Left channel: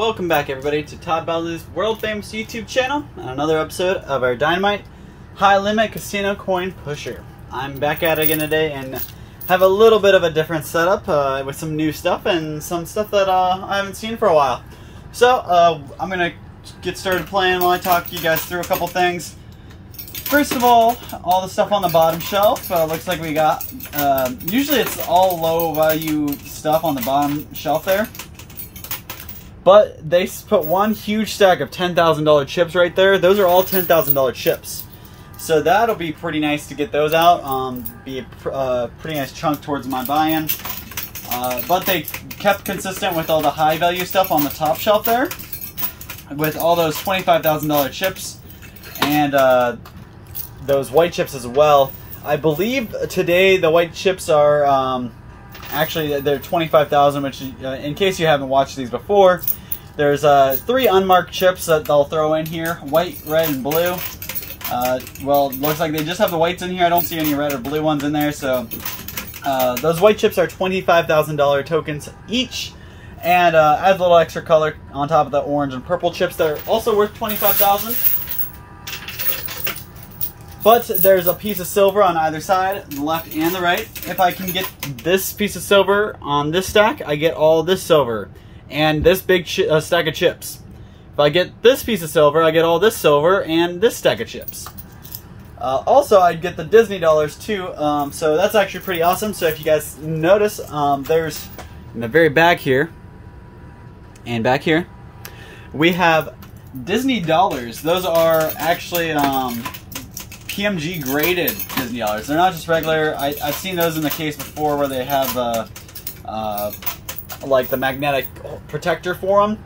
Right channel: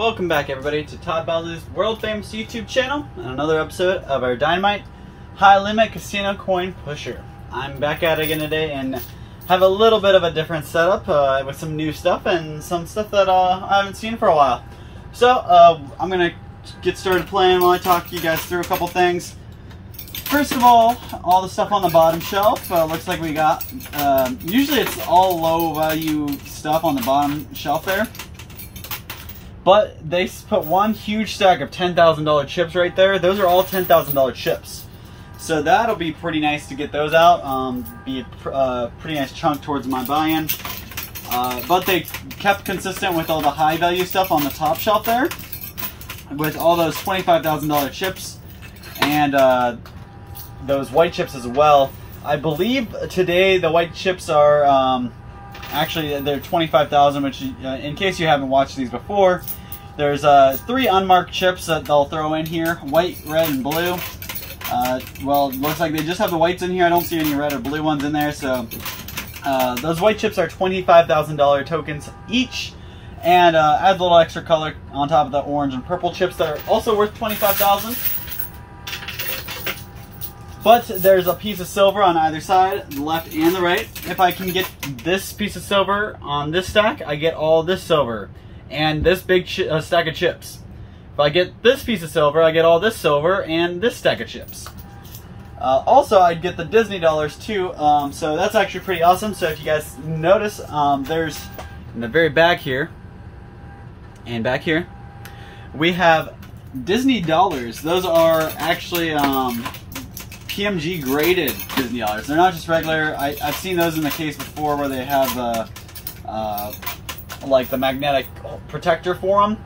welcome back everybody to Todd Bowsley's world famous YouTube channel and another episode of our Dynamite High Limit Casino Coin Pusher. I'm back at it again today and have a little bit of a different setup with some new stuff and some stuff that I haven't seen for a while. So I'm going to get started playing while I talk you guys through a couple things. First of all the stuff on the bottom shelf looks like we got, usually it's all low value stuff on the bottom shelf there. But they put one huge stack of $10,000 chips right there. Those are all $10,000 chips. So that'll be pretty nice to get those out. Be a pretty nice chunk towards my buy-in. But they kept consistent with all the high value stuff on the top shelf there. With all those $25,000 chips. And those white chips as well. I believe today the white chips are... actually, they're 25,000, which, in case you haven't watched these before, there's 3 unmarked chips that they'll throw in here, white, red, and blue. Well, it looks like they just have the whites in here. I don't see any red or blue ones in there, so those white chips are $25,000 tokens each, and add a little extra color on top of the orange and purple chips that are also worth $25,000. But there's a piece of silver on either side, the left and the right. If I can get this piece of silver on this stack, I get all this silver and this big stack of chips. If I get this piece of silver, I get all this silver and this stack of chips. Also, I'd get the Disney dollars too, so that's actually pretty awesome. So if you guys notice, there's in the very back here and back here, we have Disney dollars. Those are actually... PMG graded Disney dollars. They're not just regular. I've seen those in the case before where they have like the magnetic protector for them.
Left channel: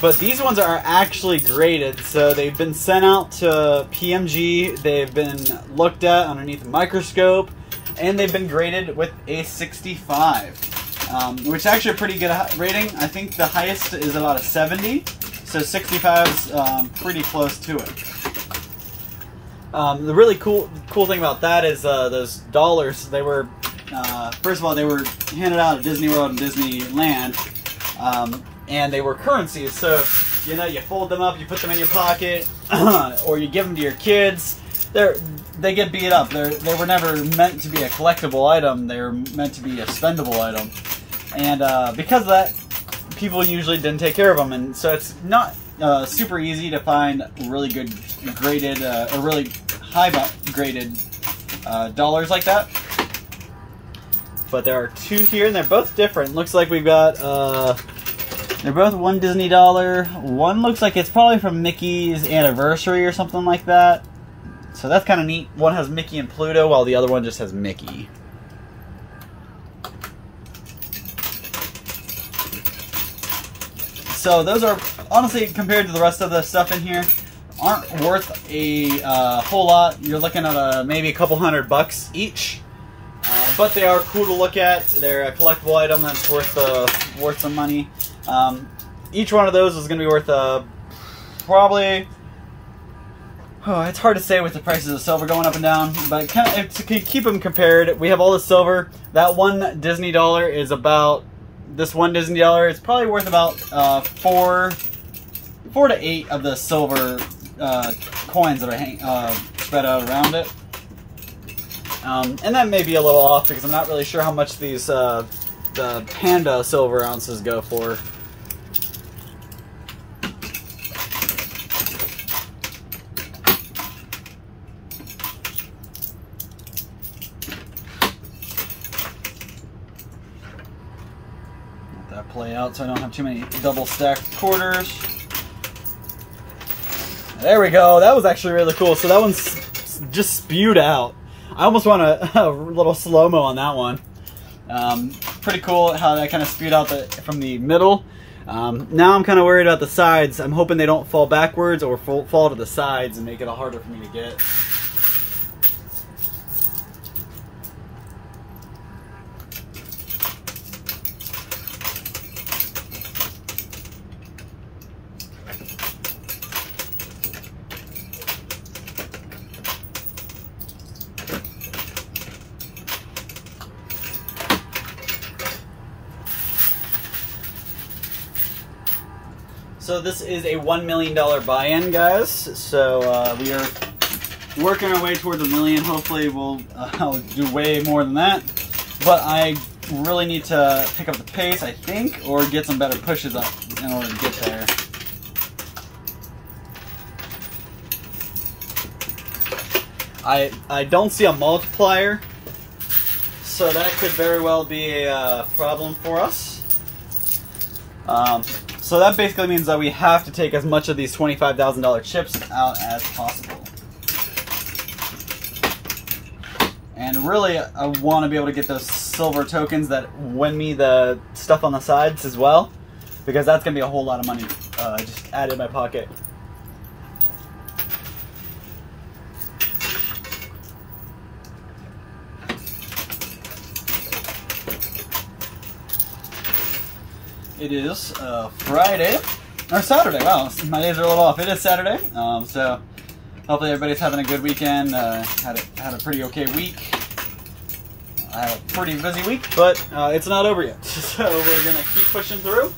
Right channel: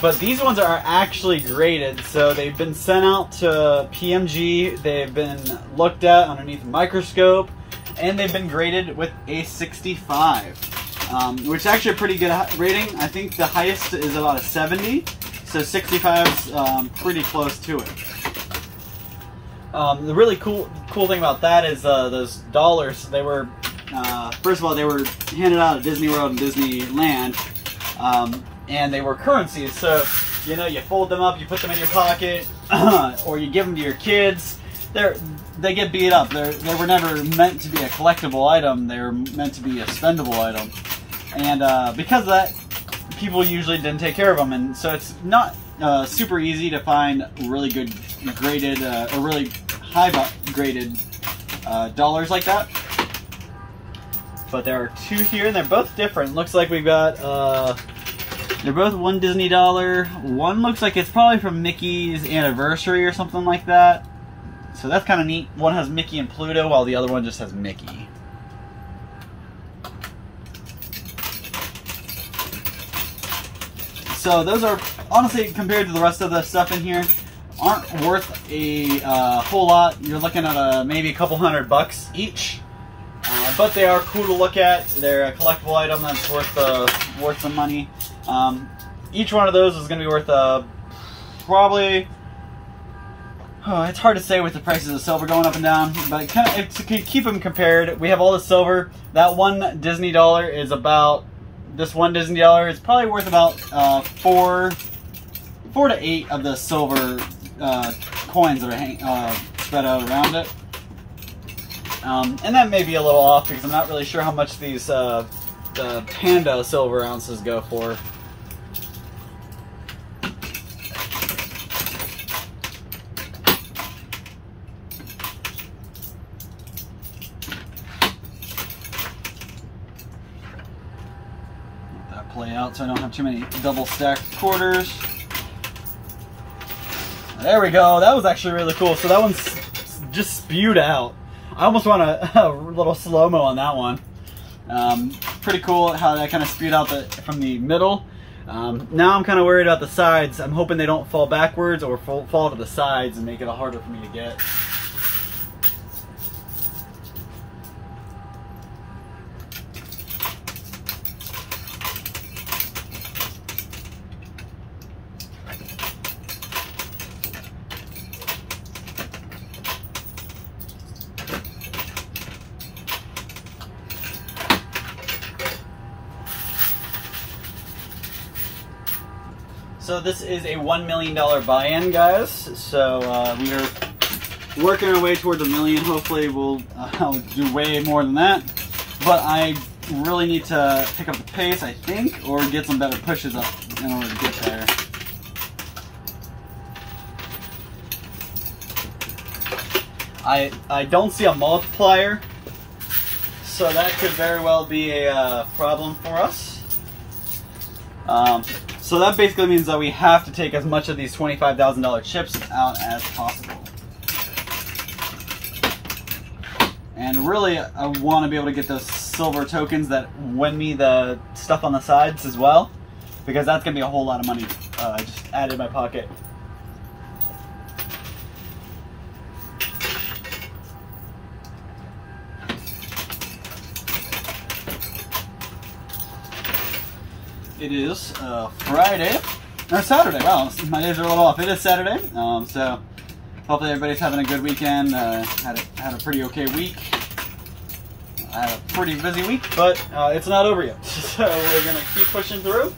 But these ones are actually graded. So they've been sent out to PMG. They've been looked at underneath a microscope. And they've been graded with a 65. Which is actually a pretty good rating. I think the highest is about a 70. So 65 is pretty close to it. The really cool thing about that is those dollars. They were first of all, they were handed out at Disney World and Disneyland, and they were currencies. So you know, you fold them up, you put them in your pocket, or you give them to your kids. They get beat up. They were never meant to be a collectible item. They were meant to be a spendable item, and because of that, people usually didn't take care of them, and so it's not super easy to find really good graded or really high graded dollars like that. But there are 2 here and they're both different. Looks like we've got they're both one Disney dollar. One looks like it's probably from Mickey's anniversary or something like that, so that's kind of neat. One has Mickey and Pluto while the other one just has Mickey. So those are, honestly, compared to the rest of the stuff in here, aren't worth a whole lot. You're looking at maybe a couple $100 each. But they are cool to look at. They're a collectible item that's worth some money. Each one of those is going to be worth probably... Oh, it's hard to say with the prices of silver going up and down, but to keep them compared, we have all the silver. That one Disney dollar is about... This one Disney dollar is probably worth about 4 to 8 of the silver coins that are spread out around it. And that may be a little off because I'm not really sure how much these the Panda silver ounces go for. Play out so I don't have too many double stacked quarters. There we go. That was actually really cool. So that one's just spewed out. I almost want a little slow-mo on that one. Pretty cool how that kind of spewed out from the middle. Now I'm kind of worried about the sides. I'm hoping they don't fall backwards or fall to the sides and make it harder for me to get. So this is a $1 million buy-in, guys. So we are working our way towards $1 million. Hopefully we'll do way more than that. But I really need to pick up the pace, I think, or get some better pushes up in order to get there. I don't see a multiplier, so that could very well be a problem for us. So that basically means that we have to take as much of these $25,000 chips out as possible. And really, I want to be able to get those silver tokens that win me the stuff on the sides as well, because that's going to be a whole lot of money just added in my pocket. It is Friday, or Saturday. Wow, my days are a little off. It is Saturday, so hopefully everybody's having a good weekend. Had a pretty okay week. I had a pretty busy week, but it's not over yet. So we're gonna keep pushing through.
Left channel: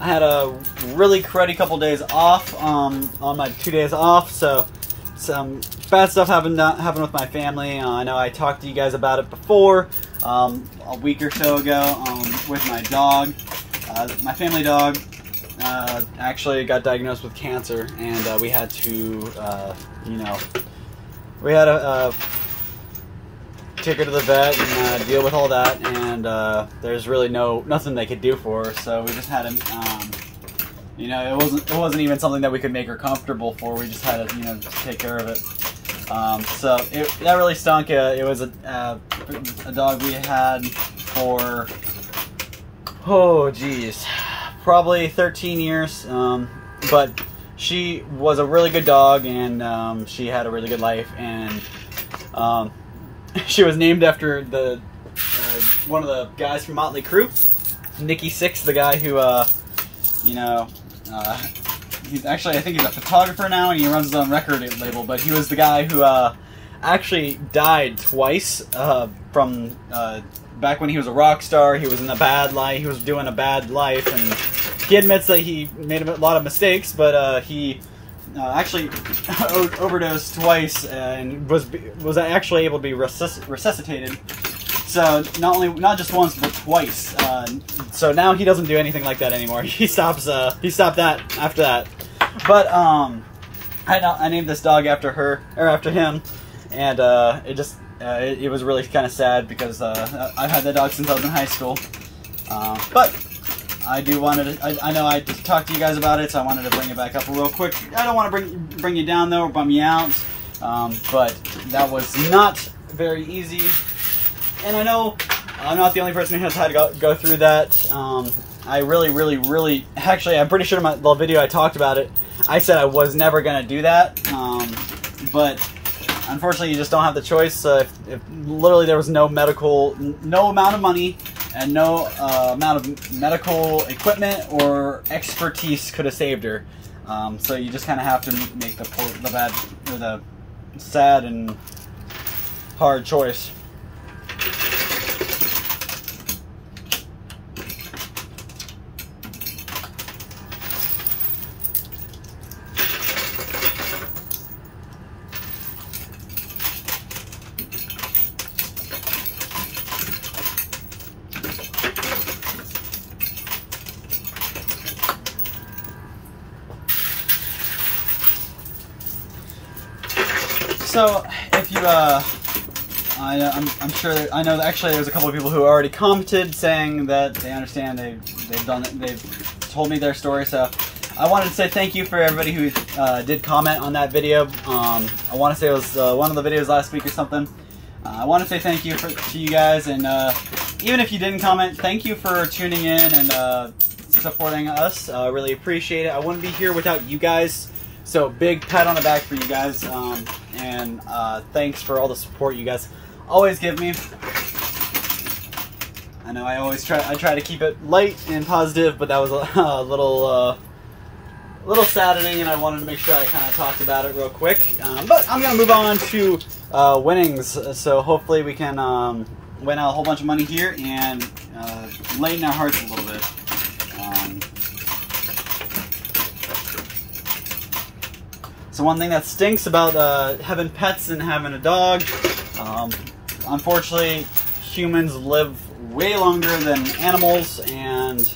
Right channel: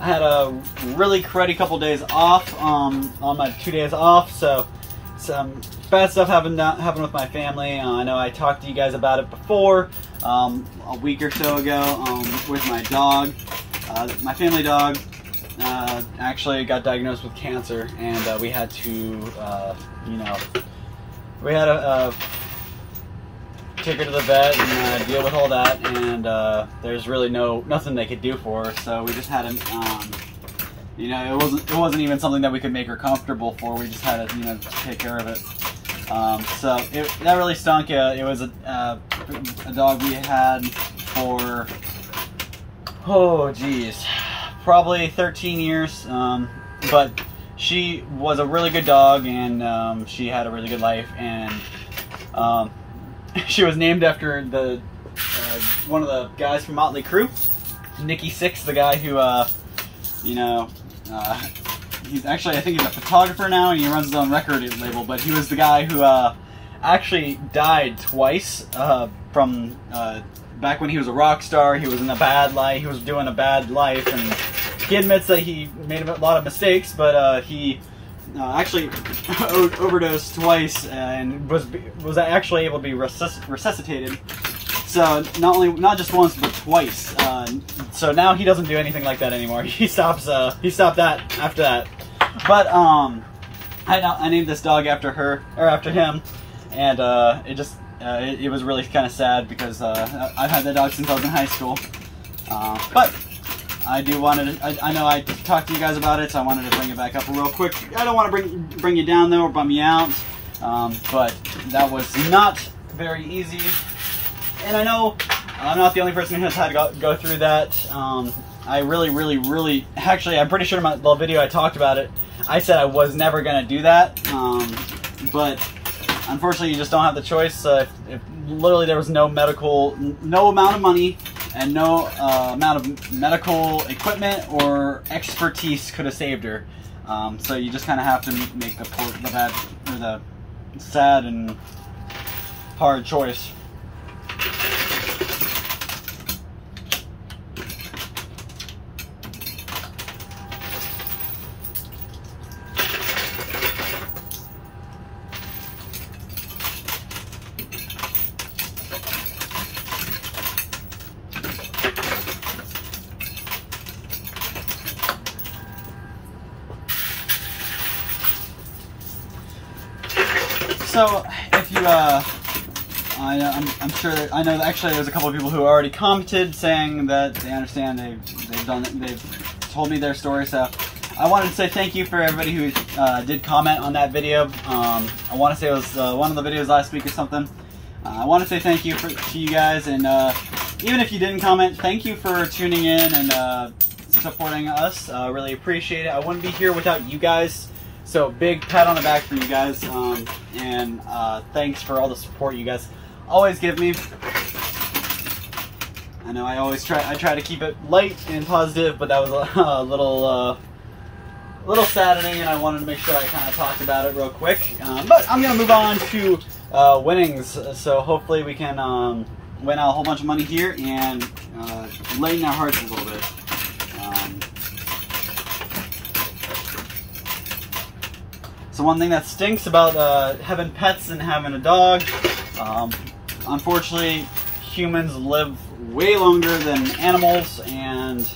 I had a really cruddy couple days off on my 2 days off, so some bad stuff happened with my family. I know I talked to you guys about it before, a week or so ago, with my dog. My family dog actually got diagnosed with cancer, and we had to, take her to the vet and deal with all that, and there's really nothing they could do for her, so we just had to, it wasn't even something that we could make her comfortable for. We just had to, take care of it. So that really stunk. It was a dog we had for, probably 13 years. But she was a really good dog, and she had a really good life. And she was named after the one of the guys from Motley Crue, Nicky Sixx, the guy who, he's actually, I think he's a photographer now, and he runs his own record label, but he was the guy who actually died twice from back when he was a rock star. He was in a bad life. He was doing a bad life, and he admits that he made a lot of mistakes, but he actually overdosed twice and was actually able to be resuscitated. So not just once, but twice. So now he doesn't do anything like that anymore. He stopped that after that. But I named this dog after him, and it was really kind of sad because I've had that dog since I was in high school. But I know I talked to you guys about it, so I wanted to bring it back up real quick. I don't want to bring you down though or bum you out, but that was not very easy. And I know I'm not the only person who has had to go through that. I really, actually, I'm pretty sure in the video I talked about it, I said I was never going to do that. But unfortunately, you just don't have the choice. If literally there was no amount of money and no amount of medical equipment or expertise could have saved her. So you just kind of have to make the sad and hard choice. So, if you, I'm sure, I know actually there's a couple of people who already commented saying that they understand, they've told me their story, so I wanted to say thank you for everybody who did comment on that video. I want to say it was one of the videos last week or something. I want to say thank you to you guys, and even if you didn't comment, thank you for tuning in and supporting us. I really appreciate it. I wouldn't be here without you guys. So big pat on the back for you guys, and thanks for all the support you guys always give me. I know I try to keep it light and positive, but that was a little saddening, and I wanted to make sure I kind of talked about it real quick. But I'm gonna move on to winnings. So hopefully we can win out a whole bunch of money here and lighten our hearts a little bit. So one thing that stinks about having pets and having a dog, unfortunately, humans live way longer than animals, and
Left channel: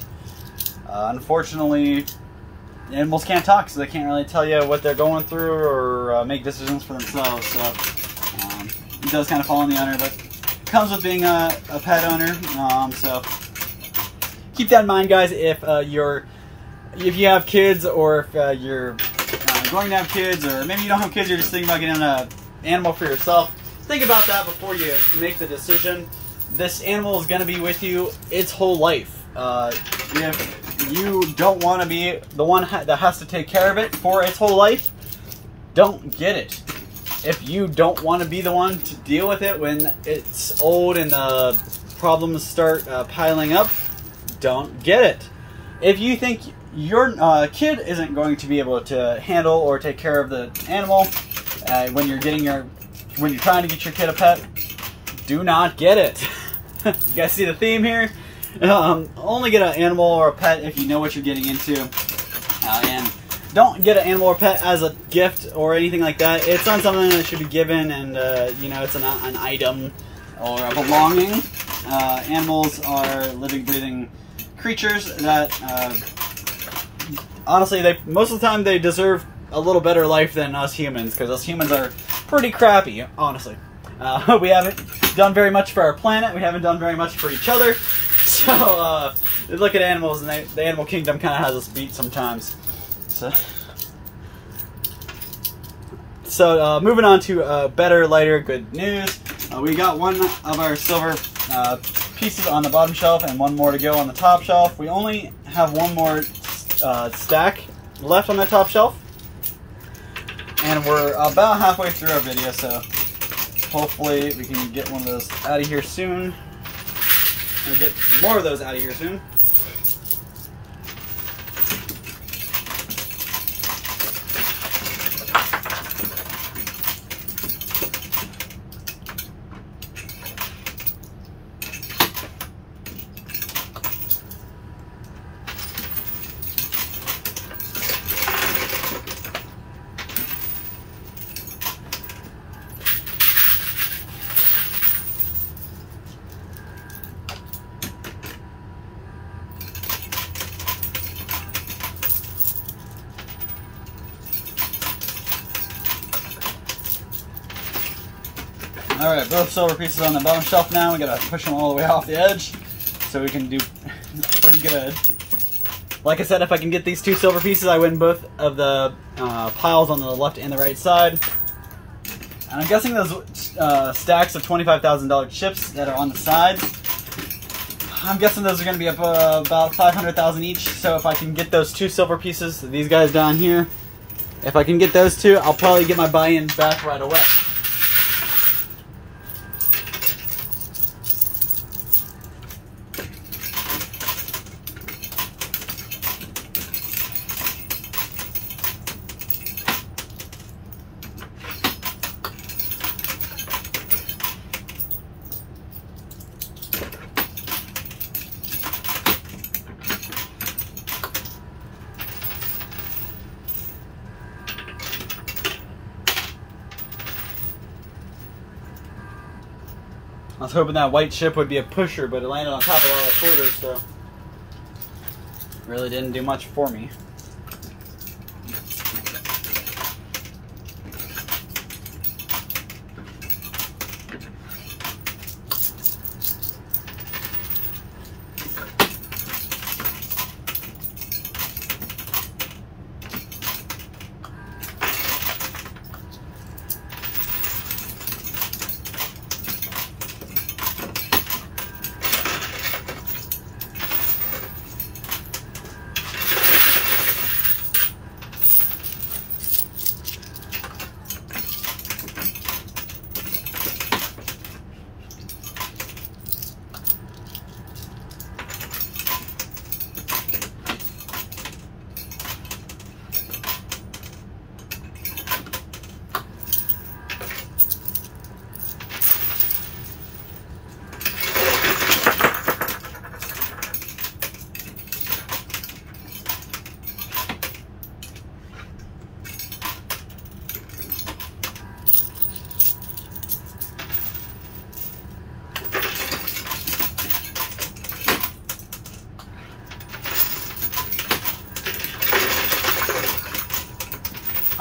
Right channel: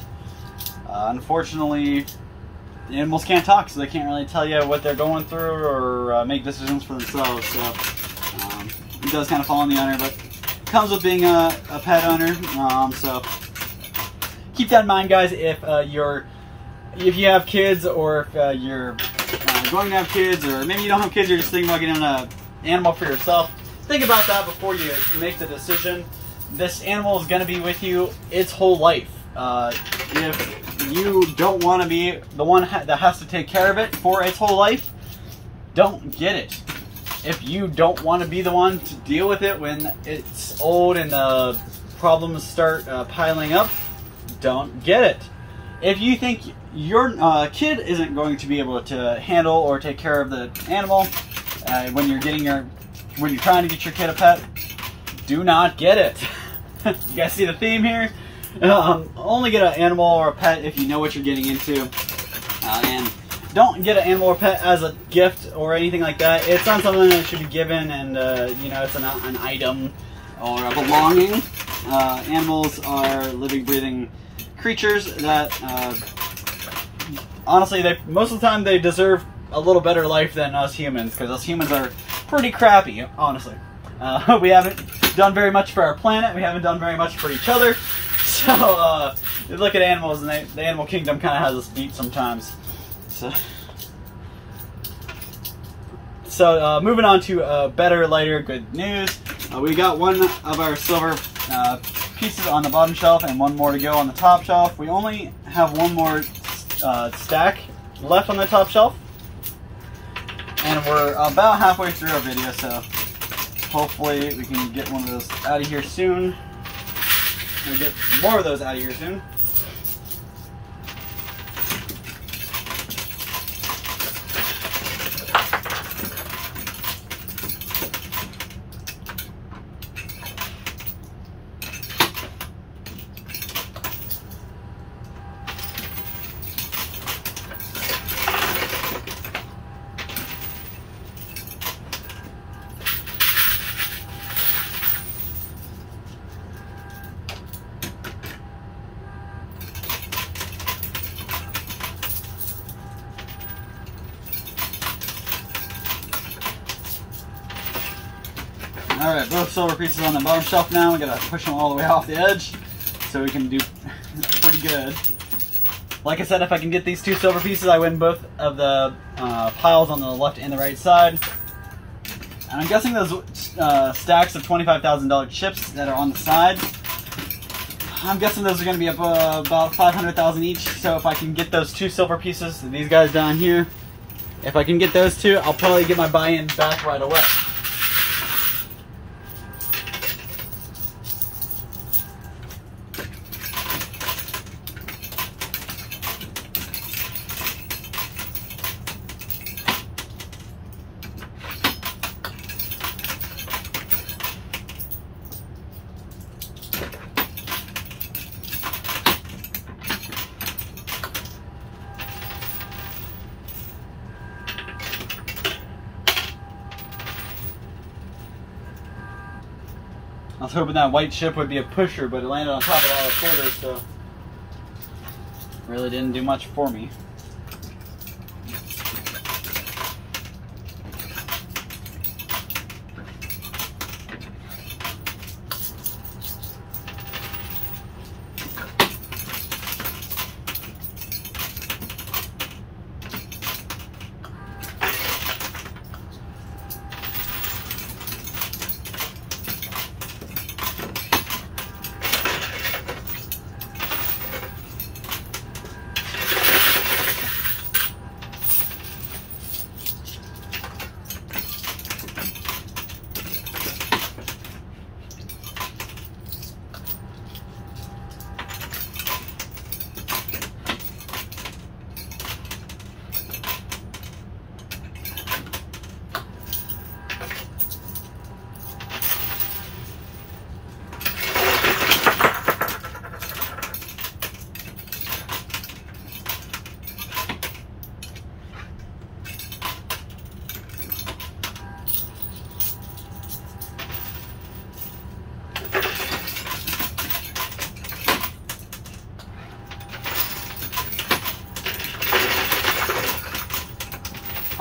unfortunately, animals can't talk, so they can't really tell you what they're going through or make decisions for themselves. So it does kind of fall on the owner, but it comes with being a pet owner. So keep that in mind, guys. If you have kids, or if you're going to have kids, or maybe you don't have kids, you're just thinking about getting an animal for yourself, think about that before you make the decision. This animal is going to be with you its whole life. If you don't want to be the one that has to take care of it for its whole life, don't get it. If you don't want to be the one to deal with it when it's old and the problems start piling up, don't get it. If you think your kid isn't going to be able to handle or take care of the animal when you're trying to get your kid a pet, do not get it. You guys see the theme here? Only get an animal or a pet if you know what you're getting into, and don't get an animal or pet as a gift or anything like that. It's not something that should be given, and you know, it's an item or a belonging. Animals are living, breathing creatures that honestly, most of the time they deserve a little better life than us humans, because us humans are pretty crappy, honestly. We haven't done very much for our planet. We haven't done very much for each other. So look at animals, and the animal kingdom kind of has us beat sometimes. So moving on to better, lighter, good news. We got one of our silver pieces on the bottom shelf and one more to go on the top shelf. We only have one more stack left on the top shelf, and we're about halfway through our video, so hopefully we can get one of those out of here soon. We'll get more of those out of here soon. Alright, both silver pieces on the bottom shelf now. We gotta push them all the way off the edge so we can do pretty good. Like I said, if I can get these two silver pieces, I win both of the piles on the left and the right side. And I'm guessing those stacks of $25,000 chips that are on the sides, I'm guessing those are going to be up about $500,000 each. So if I can get those two silver pieces, these guys down here, if I can get those two, I'll probably get my buy-in back right away. I was hoping that white chip would be a pusher, but it landed on top of all the quarters, so really didn't do much for me.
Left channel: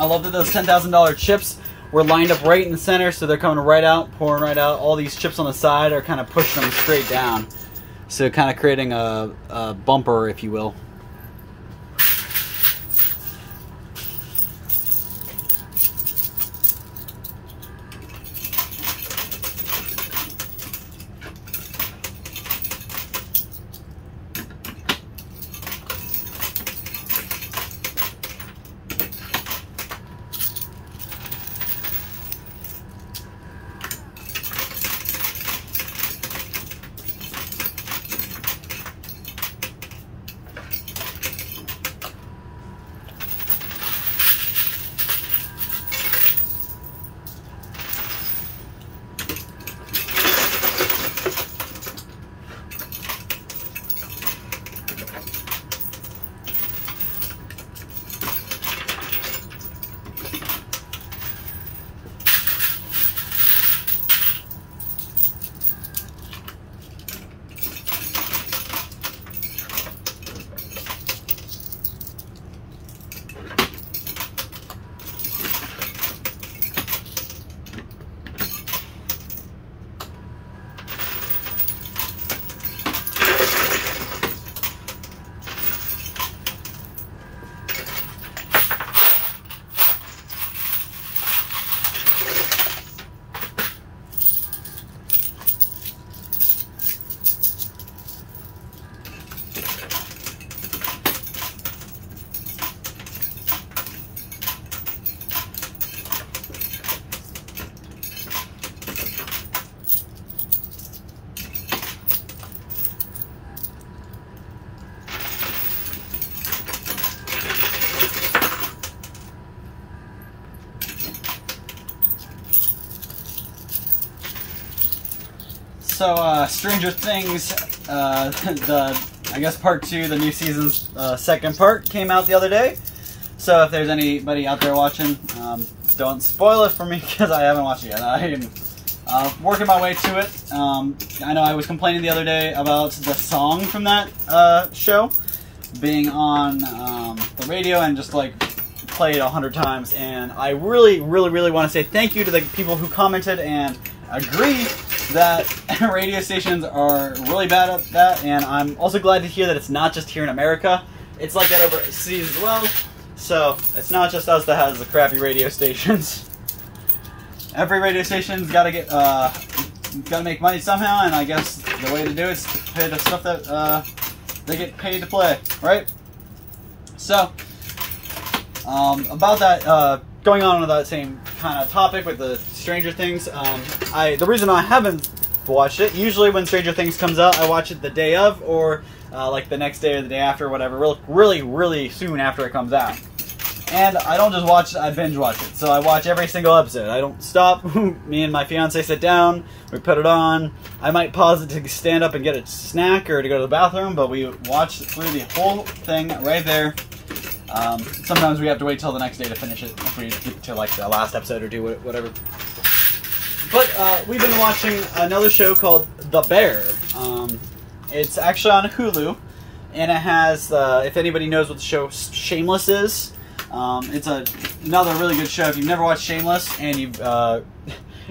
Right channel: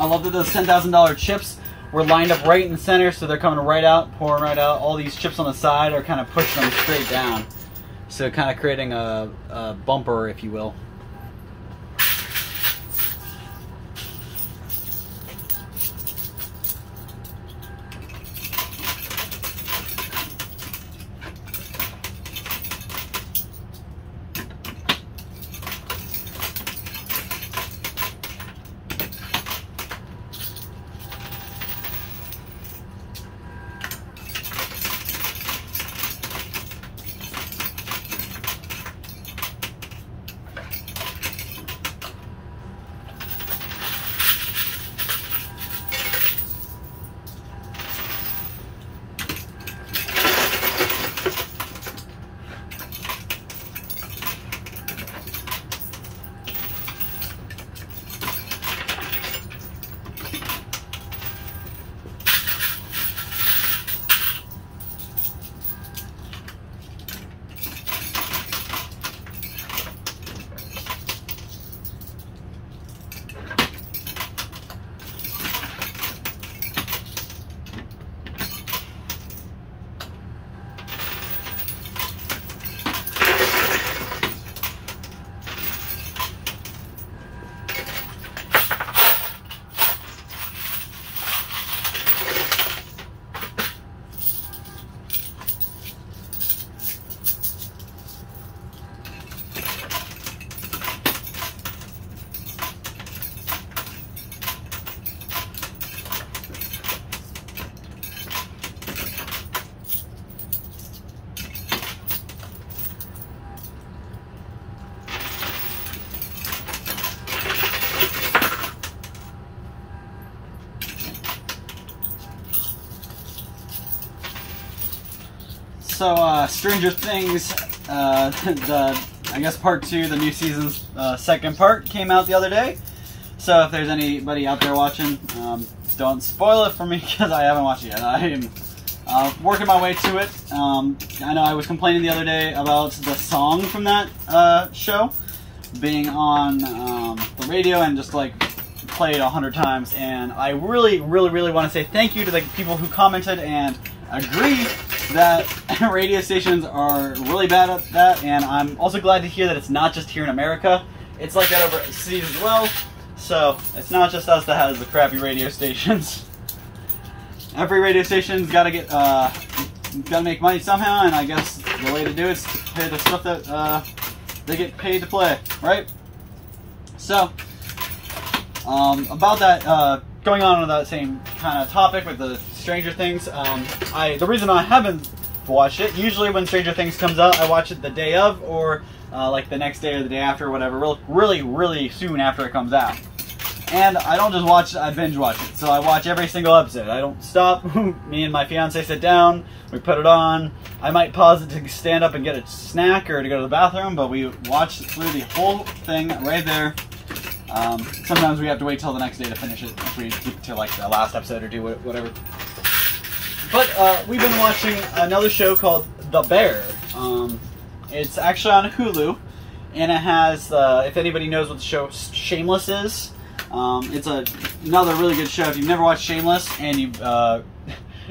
I love that those $10,000 chips were lined up right in the center, so they're coming right out, pouring right out. All these chips on the side are kind of pushing them straight down, so kind of creating a bumper, if you will. So, Stranger Things, I guess part 2, the new season's second part, came out the other day. So if there's anybody out there watching, don't spoil it for me because I haven't watched it yet. I am working my way to it. I know I was complaining the other day about the song from that show being on the radio and just like played 100 times. And I really want to say thank you to the people who commented and agree that radio stations are really bad at that, and I'm also glad to hear that it's not just here in America. It's like that overseas as well, so it's not just us that has the crappy radio stations. Every radio station's got to make money somehow, and I guess the way to do it is to pay the stuff that they get paid to play, right? So, about that, going on with that same kind of topic with the Stranger Things, the reason I haven't watched it, usually when Stranger Things comes out, I watch it the day of, or like the next day or the day after, whatever, really soon after it comes out. And I don't just watch it, I binge watch it. So I watch every single episode. I don't stop. Me and my fiance sit down, we put it on. I might pause it to stand up and get a snack or to go to the bathroom, but we watch through the whole thing right there. Sometimes we have to wait till the next day to finish it if we get to like the last episode or do whatever. But we've been watching another show called The Bear. It's actually on Hulu, and it has, if anybody knows what the show Shameless is, it's another really good show. If you've never watched Shameless, and you've,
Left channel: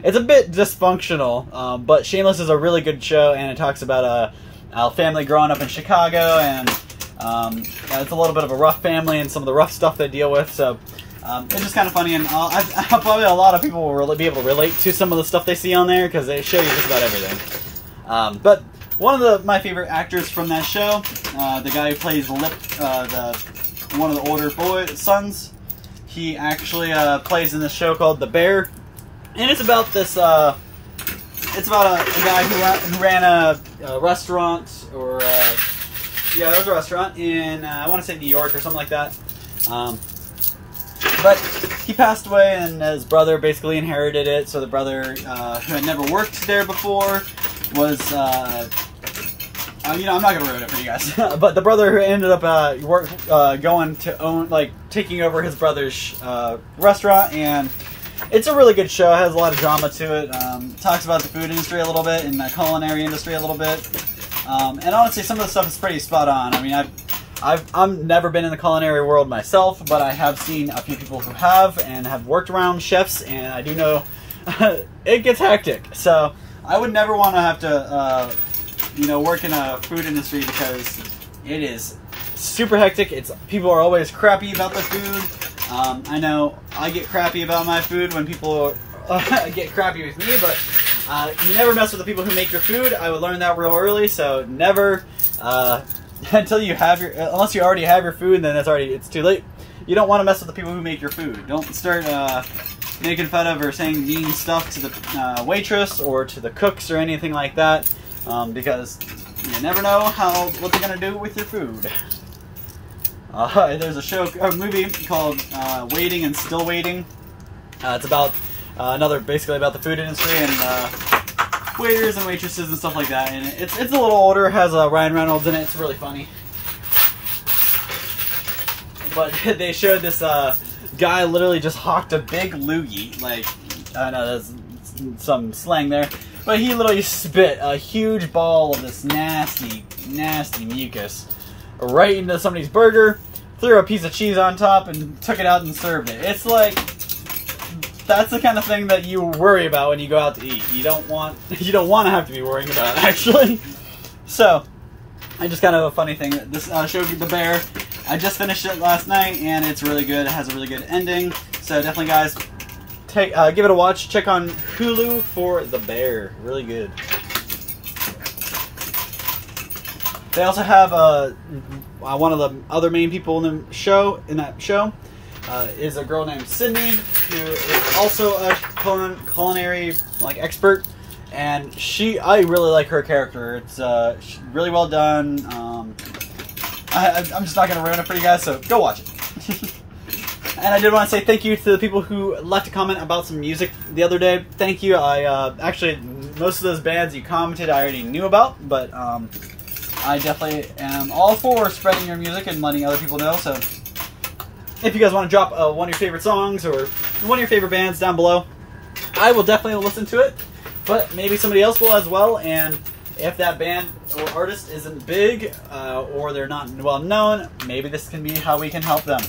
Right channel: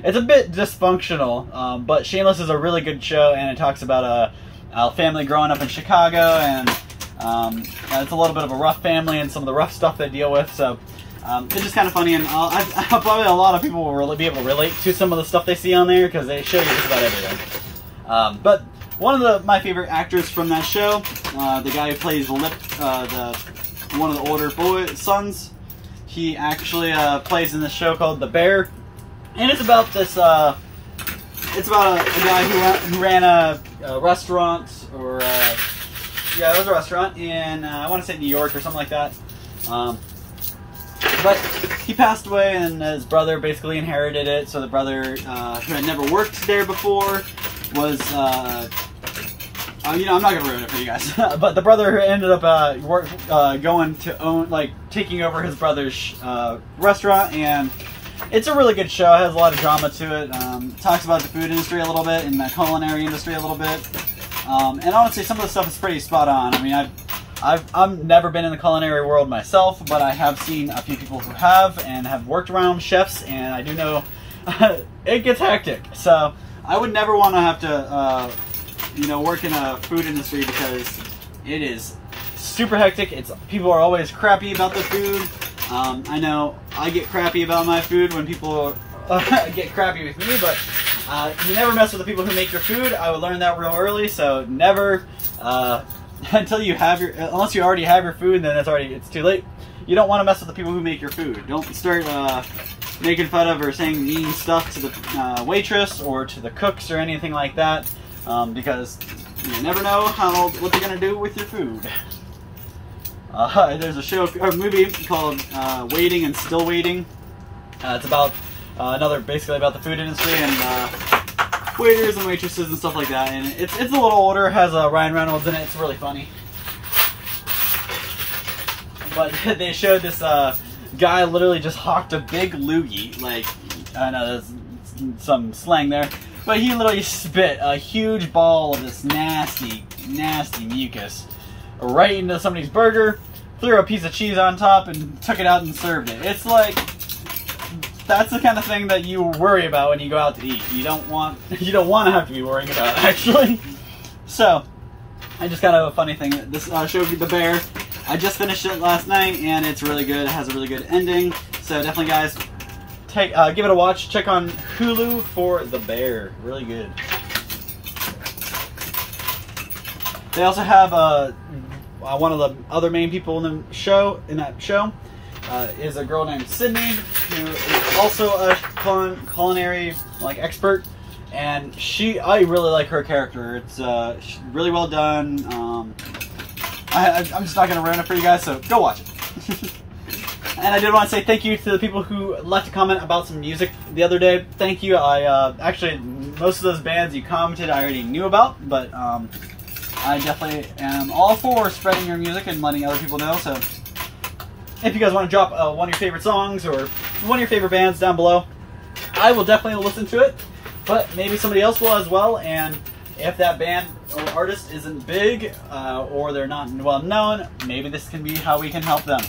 it's a bit dysfunctional, but Shameless is a really good show, and it talks about a family growing up in Chicago, and it's a little bit of a rough family and some of the rough stuff they deal with, so it's just kind of funny, and probably a lot of people will really be able to relate to some of the stuff they see on there, because they show you just about everything. But one of my favorite actors from that show, the guy who plays one of the older sons, he actually plays in this show called The Bear, and it's about this, it's about a guy who ran a restaurant, or yeah, it was a restaurant in, I want to say New York or something like that. But he passed away, and his brother basically inherited it. So the brother, who had never worked there before, was, you know, I'm not going to ruin it for you guys. But the brother who ended up going to own, like, taking over his brother's restaurant, and it's a really good show. It has a lot of drama to it. Talks about the food industry a little bit, and the culinary industry a little bit. And honestly, some of the stuff is pretty spot on. I mean, I've I've never been in the culinary world myself, but I have seen a few people who have and have worked around chefs, and I do know it gets hectic. So I would never want to have to, you know, work in a food industry because it is super hectic. People are always crappy about the food. I know I get crappy about my food when people get crappy with me, but you never mess with the people who make your food. I would learn that real early, so never. Until you have unless you already have your food, then it's too late. You don't want to mess with the people who make your food. Don't start making fun of or saying mean stuff to the waitress or to the cooks or anything like that, because you never know what they're gonna do with your food. There's a movie called Waiting and Still Waiting. It's about basically about the food industry and waiters and waitresses and stuff like that, and it's a little older. It has Ryan Reynolds in it. It's really funny. But they showed this guy literally just hawked a big loogie. Like, I know there's some slang there, but he literally spit a huge ball of this nasty, nasty mucus right into somebody's burger, threw a piece of cheese on top, and took it out and served it. It's like, that's the kind of thing that you worry about when you go out to eat. You don't want to have to be worrying about it, actually. So, I just kind of a funny thing. This show, The Bear, I just finished it last night, and it's really good. It has a really good ending. So definitely, guys, give it a watch. Check on Hulu for The Bear. Really good. They also have one of the other main people in that show. Is a girl named Sydney, who is also a culinary expert, and I really like her character. It's really well done. I'm just not going to ruin it for you guys, so go watch it. And I did want to say thank you to the people who left a comment about some music the other day. Thank you. Actually, most of those bands you commented I already knew about, but I definitely am all for spreading your music and letting other people know. So if you guys want to drop one of your favorite songs or one of your favorite bands down below, I will definitely listen to it, but maybe somebody else will as well. And if that band or artist isn't big or they're not well known, maybe this can be how we can help them.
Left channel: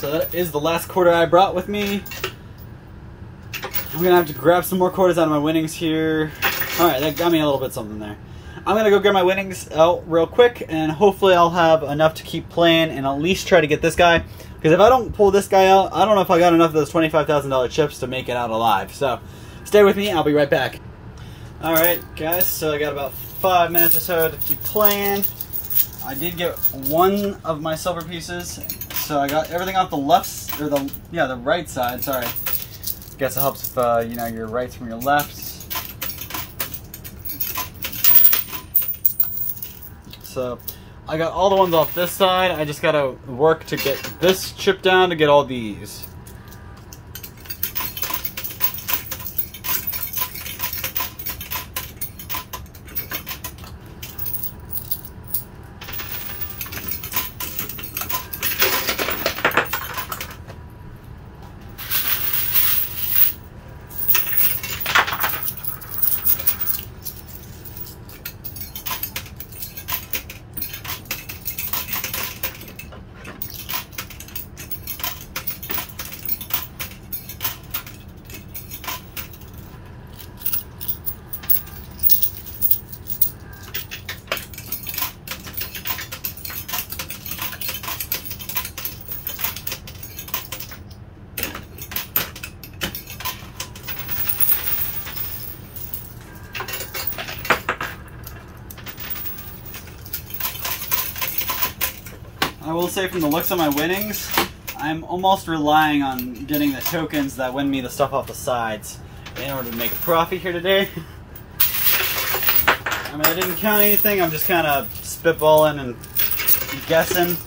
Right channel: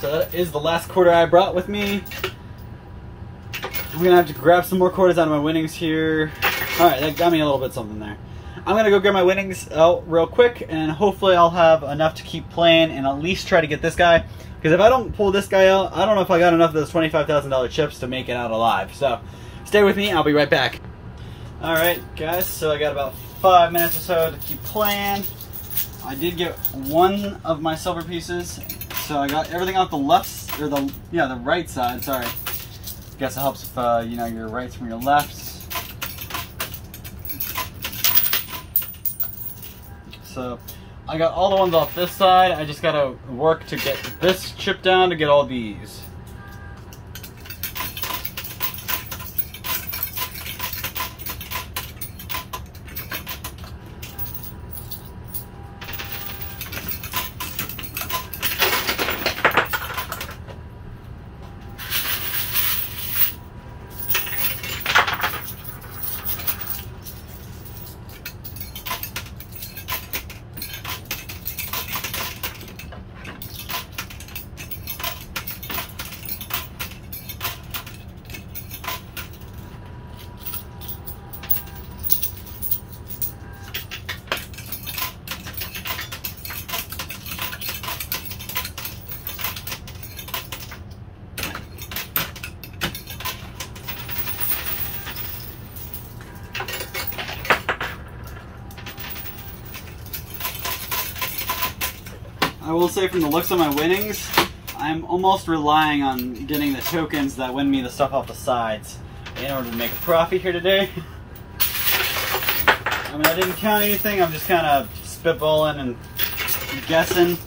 So that is the last quarter I brought with me. I'm going to have to grab some more quarters out of my winnings here. Alright, that got me a little bit something there. I'm going to go grab my winnings out real quick, and hopefully I'll have enough to keep playing and at least try to get this guy. Because if I don't pull this guy out, I don't know if I got enough of those $25,000 chips to make it out alive. So stay with me, I'll be right back. Alright guys, so I got about 5 minutes or so to keep playing. I did get one of my silver pieces. So I got everything off the left, or the right side, sorry. Guess it helps if, you know, your rights from your lefts. So I got all the ones off this side. I just gotta work to get this chip down to get all these. I will say from the looks of my winnings, I'm almost relying on getting the tokens that win me the stuff off the sides in order to make a profit here today. I mean, I didn't count anything, I'm just kind of spitballing and guessing.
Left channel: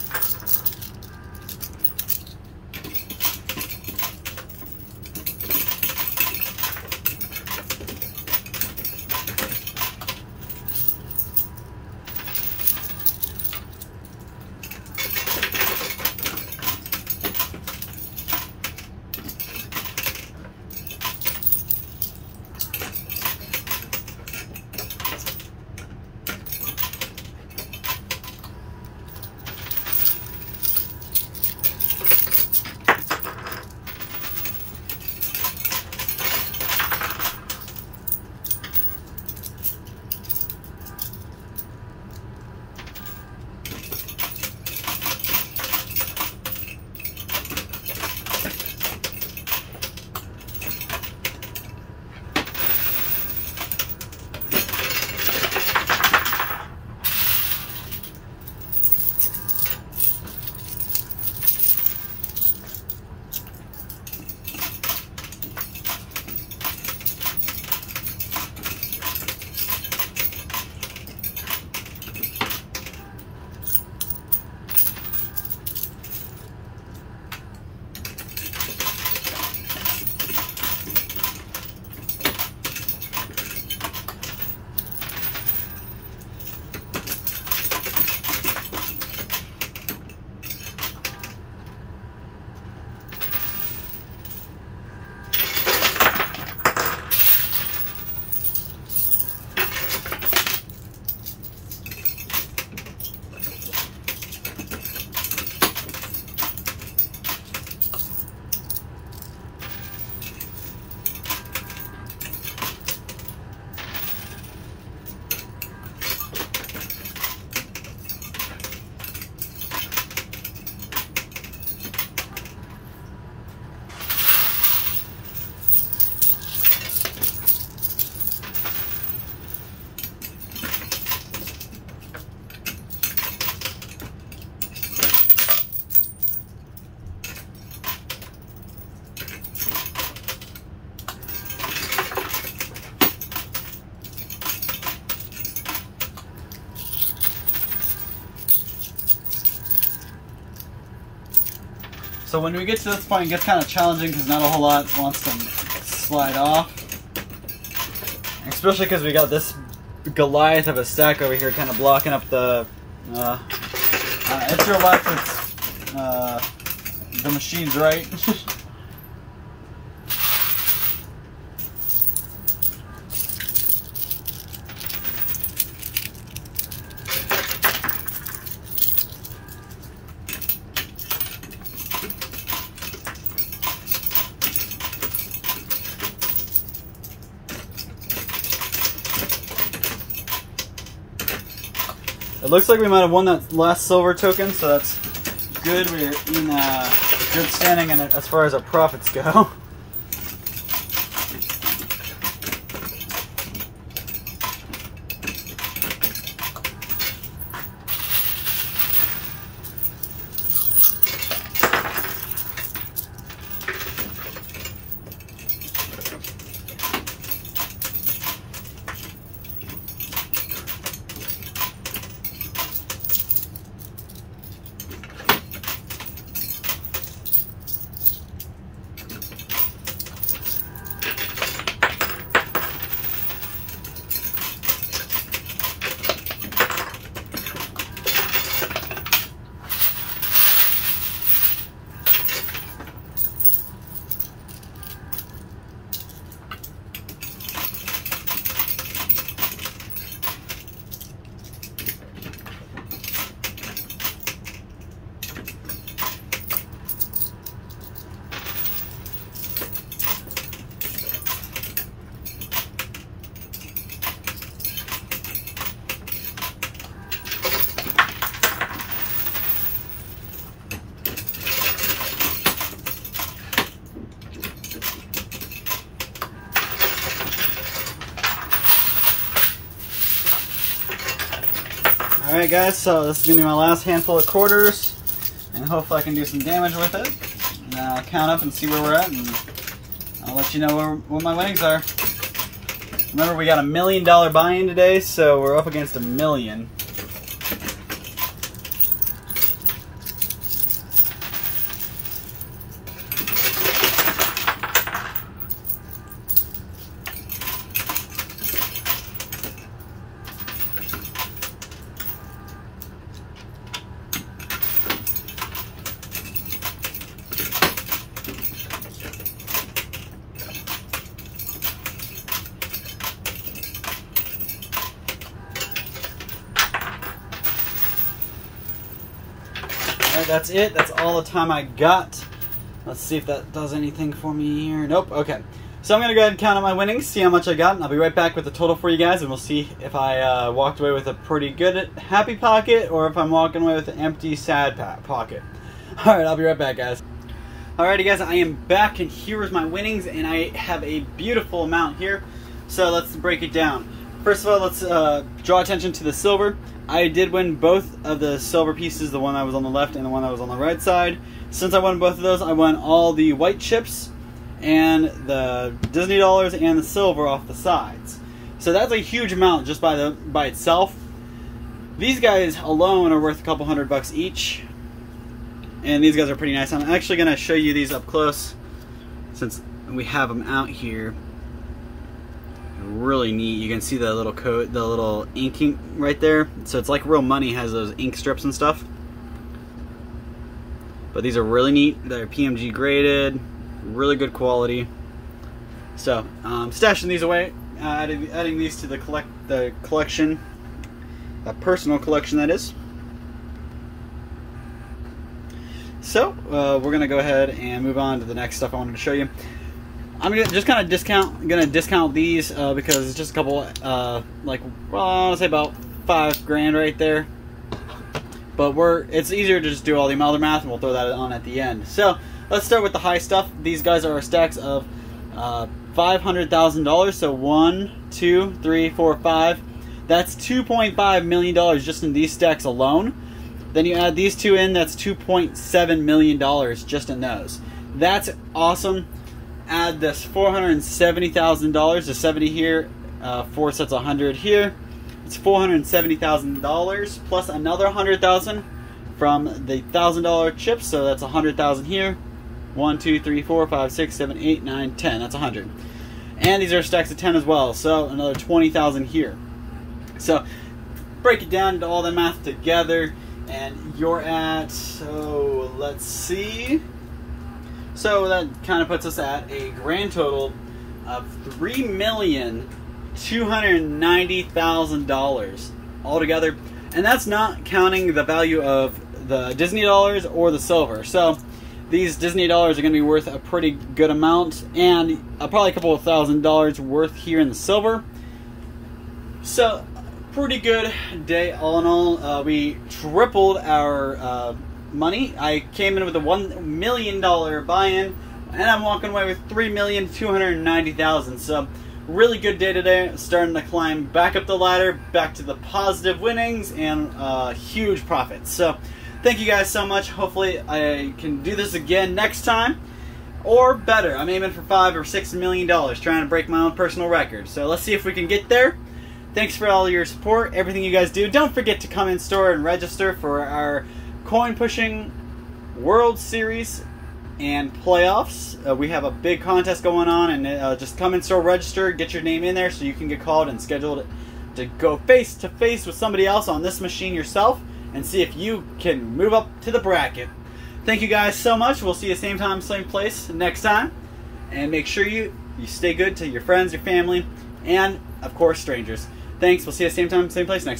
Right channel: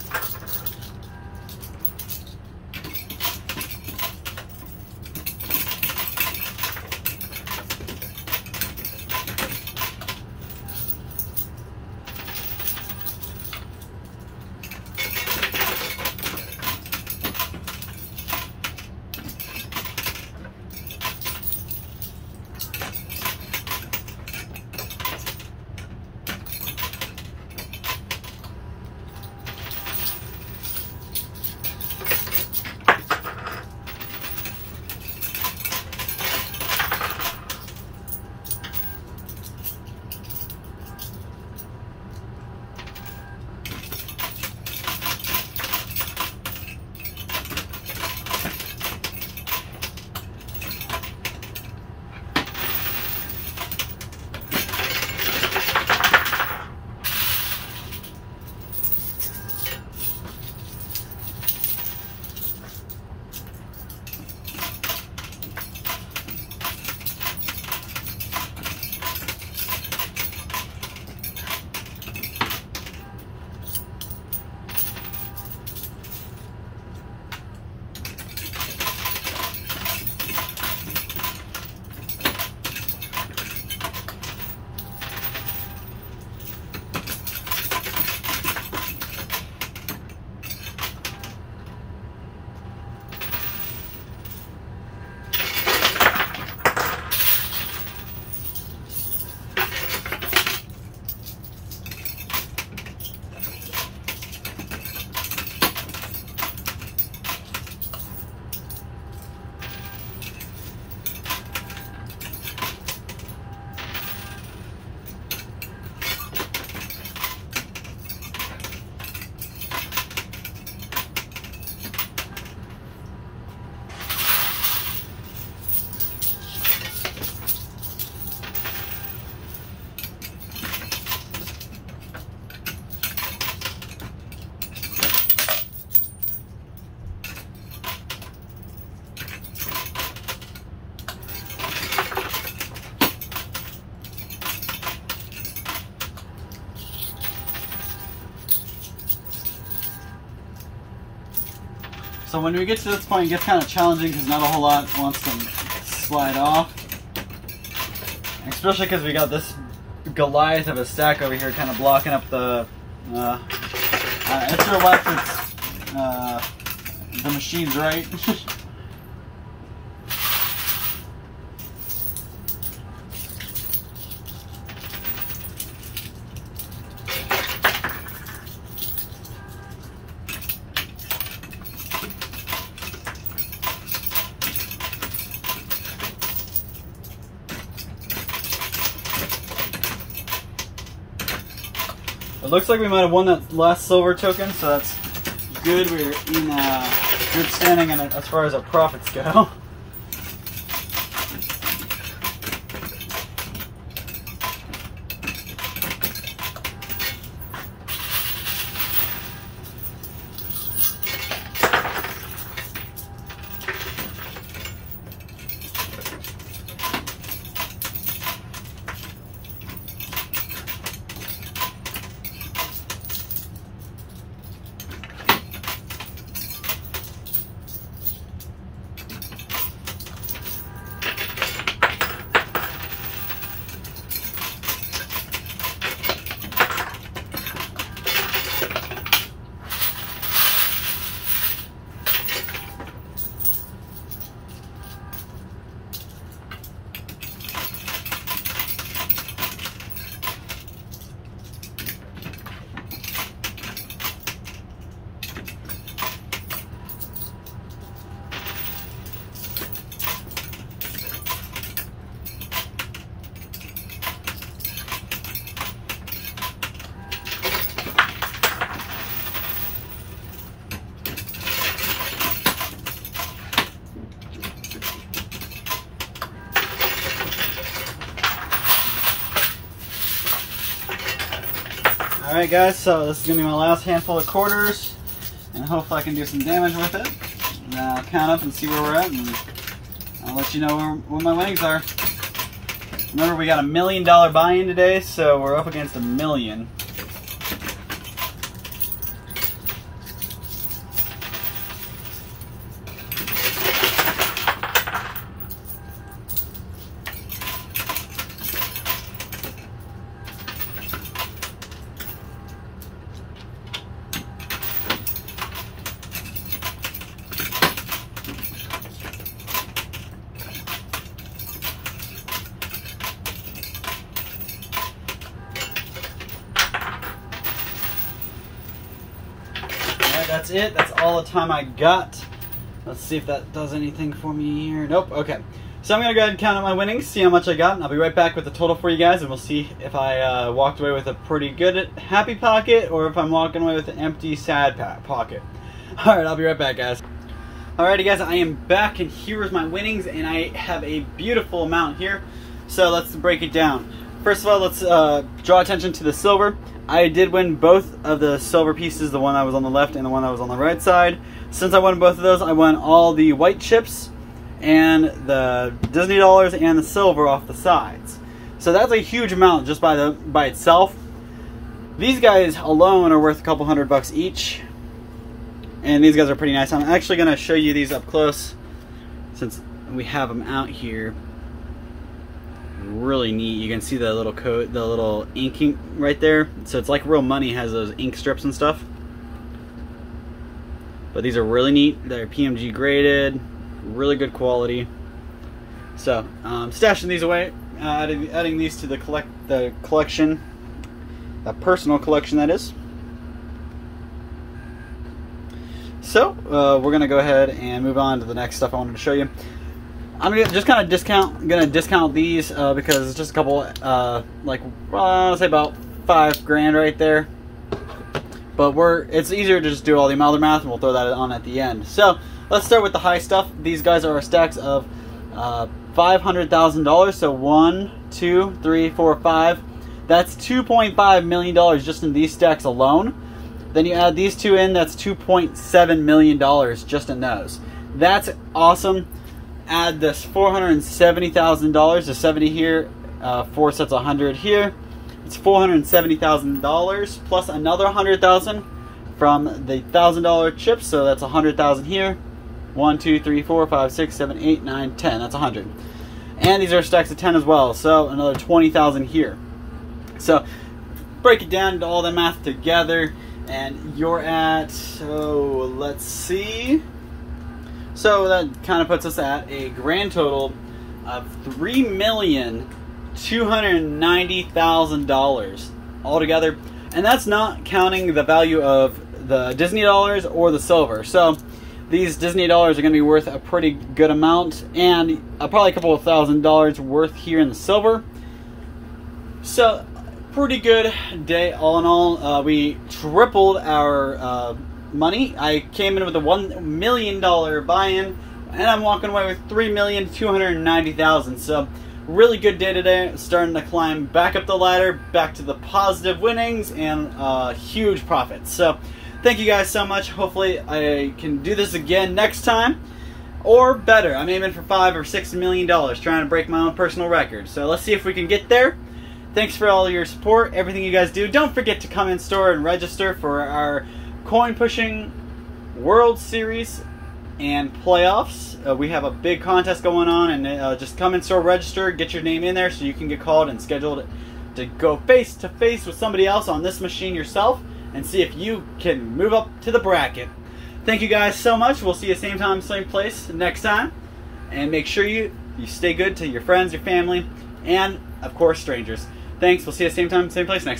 So when we get to this point, it gets kind of challenging because not a whole lot wants to slide off. Especially because we got this Goliath of a stack over here kind of blocking up the... it's your left, it's the machine's right. It looks like we might have won that last silver token, so that's good. We're in good standing in it as far as our profits go. Alright guys, so this is going to be my last handful of quarters, and hopefully I can do some damage with it. And I'll count up and see where we're at, and I'll let you know where my winnings are. Remember, we got $1 million buy-in today, so we're up against $1 million. That's it. That's all the time I got. Let's see if that does anything for me here. Nope. Okay. So I'm going to go ahead and count out my winnings, see how much I got, and I'll be right back with the total for you guys, and we'll see if I walked away with a pretty good happy pocket or if I'm walking away with an empty sad pocket. Alright, I'll be right back, guys. Alrighty, guys, I am back, and here is my winnings, and I have a beautiful amount here. So let's break it down. First of all, let's draw attention to the silver. I did win both of the silver pieces, the one that was on the left and the one that was on the right side. Since I won both of those, I won all the white chips and the Disney dollars and the silver off the sides. So that's a huge amount just by itself. These guys alone are worth a couple $100 each. And these guys are pretty nice. I'm actually going to show you these up close since we have them out here. Really neat. You can see the little coat, the little inking right there. So it's like real money has those ink strips and stuff. But these are really neat. They're PMG graded, really good quality. So stashing these away, adding these to the collection, a personal collection that is. So we're gonna go ahead and move on to the next stuff I wanted to show you. I'm gonna just kind of discount these because it's just a couple, like, well, I want to say about $5 grand right there. But it's easier to just do all the other math, and we'll throw that on at the end. So let's start with the high stuff. These guys are our stacks of $500,000. So 1, 2, 3, 4, 5. That's $2.5 million just in these stacks alone. Then you add these two in, that's $2.7 million just in those. That's awesome. Add this $470,000 to 70 here, 4 sets 100 here. It's $470,000 plus another $100,000 from the $1,000 chips. So that's 100,000 here. 1, 2, 3, 4, 5, 6, 7, 8, 9, 10. That's 100. And these are stacks of 10 as well. So another 20,000 here. So break it down into all the math together, and you're at, so let's see. So that kind of puts us at a grand total of $3,290,000 altogether. And that's not counting the value of the Disney dollars or the silver. So these Disney dollars are going to be worth a pretty good amount, and probably a couple of $1,000s worth here in the silver. So pretty good day all in all. We tripled our money. I came in with a $1 million buy-in, and I'm walking away with $3,290,000. So really good day today. Starting to climb back up the ladder, back to the positive winnings and huge profits. So thank you guys so much. Hopefully I can do this again next time, or better. I'm aiming for $5 or $6 million, trying to break my own personal record. So let's see if we can get there. Thanks for all your support, everything you guys do. Don't forget to come in store and register for our coin pushing World Series and playoffs. We have a big contest going on, and just come in store, register, get your name in there so you can get called and scheduled to go face to face with somebody else on this machine yourself and see if you can move up to the bracket. Thank you guys so much. We'll see you same time, same place next time. And make sure you stay good to your friends, your family, and of course strangers. Thanks. We'll see you same time, same place next time.